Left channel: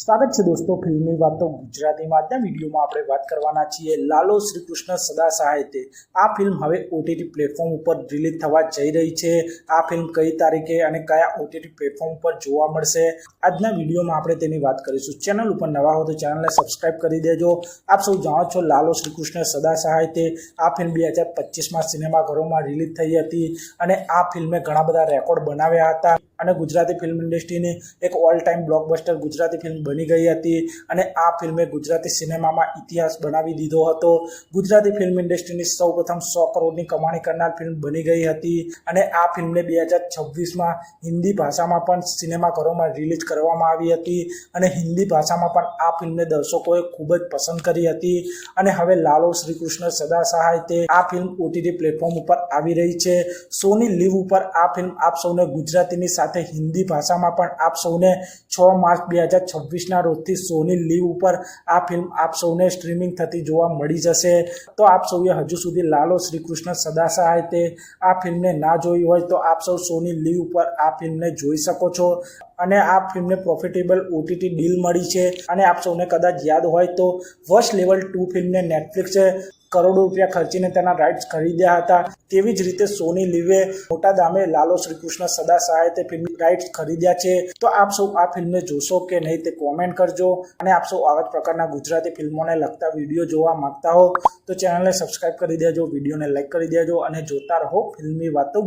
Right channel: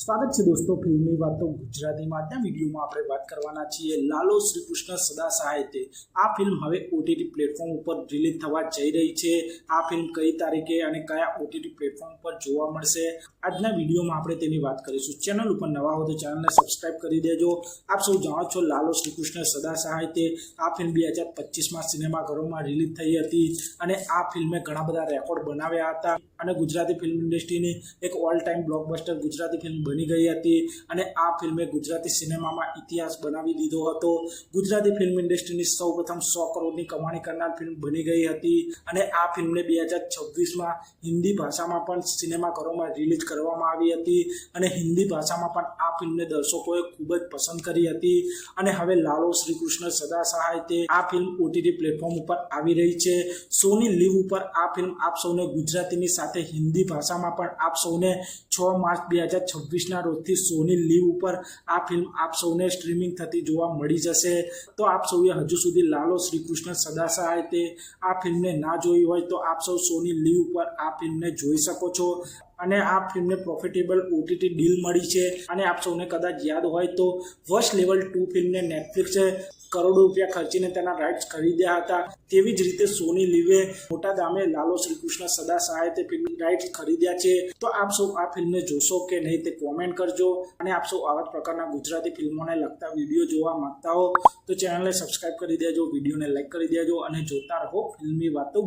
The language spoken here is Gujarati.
સ્વાગત છે દોસ્તો ફિલ્મી વાતો ગુજરાતીમાં. આજના વિડીયોમાં આપણે વાત કરવાના છીએ લાલો શ્રી કૃષ્ણ સદા સહાય તે. આ ફિલ્મ હવે ઓટીટી પ્લેટફોર્મ ઉપર રિલીઝ થવા જઈ રહી છે. આ ફિલ્મ કઈ તારીખે અને કયા ઓટીટી પ્લેટફોર્મ ઉપર જોવા મળશે, આજના વિડીયોમાં આપણે તેની વાત કરીશું. ચેનલ ઉપર નવા હો તો ચેનલને સબસ્ક્રાઇબ કરી દેજો. આપ સૌ જાણો છો લાલો શ્રી કૃષ્ણ સદા સહાય તે આ ફિલ્મ 2025માં સિનેમાઘરોમાં રિલીઝ થઈ હતી અને આ ફિલ્મે ઘણા બધા રેકોર્ડ બનાવ્યા હતા અને ગુજરાતી ફિલ્મ ઇન્ડસ્ટ્રીની એક all time blockbuster Gujarati film બની ગઈ હતી અને આ ફિલ્મે ગુજરાતી સિનેમામાં ઇતિહાસ બનાવી દીધો હતો. ગુજરાતી ફિલ્મ ઇન્ડસ્ટ્રીની સૌપ્રથમ 100 કરોડની કમાણી કરનાર ફિલ્મ બની ગઈ હતી અને આ ફિલ્મને 2026માં હિન્દી ભાષામાં પણ સિનેમાઘરોમાં રિલીઝ કરવામાં આવી હતી અને હિન્દી ભાષામાં પણ આ ફિલ્મને દર્શકોએ ખૂબ જ પસંદ કરી હતી અને હવે લાલો શ્રી કૃષ્ણ સદા સહાય તે આ ફિલ્મ ઓટીટી પ્લેટફોર્મ ઉપર આવી રહી છે. સોની લીવ ઉપર આ ફિલ્મ આપ સૌને ગુજરાતીની સાથે હિન્દી ભાષામાં પણ આપ સૌને 6 માર્ચ 2026ના રોજથી સોની લીવ ઉપર આ ફિલ્મ આપ સૌને સ્ટ્રીમિંગ થતી જોવા મળી જશે. તો આપ સૌએ હજુ સુધી લાલો શ્રી કૃષ્ણ સદા સહાય તે આ ફિલ્મને ના જોઈ હોય તો આપ સૌ સોની લીવ ઉપર આ ફિલ્મને જોઈ શકો છો અને આ ફિલ્મને પ્રોફિટેબલ ઓટીટી ડીલ મળી છે. અને આપ સૌને કદાચ યાદ હોય તો વર્ષ લેવલ 2 ફિલ્મને નેટફ્લિક્સે કરોડો રૂપિયા ખર્ચીને તેના રાઇટ્સ ખરીદ્યા હતા. તેવી જ રીતે સોની લીવે મોટા દામે લાલો શ્રી કૃષ્ણ સદા સહાય તે ફિલ્મ રાઇટ્સ ખરીદ્યા છે. તો આપ સૌ આ ફિલ્મને જોશો કે નહીં તે કોમેન્ટ કરજો અને આપ સૌ આવા જ પ્રકારના ગુજરાતી ફિલ્મોને લગતા વિડીયો જોવા માંગતા હો તો ચેનલને સબસ્ક્રાઇબ કરી દેજો, વિડીયોને લાઇક કરી દેજો અને જોતા રહો ફિલ્મી વાતો.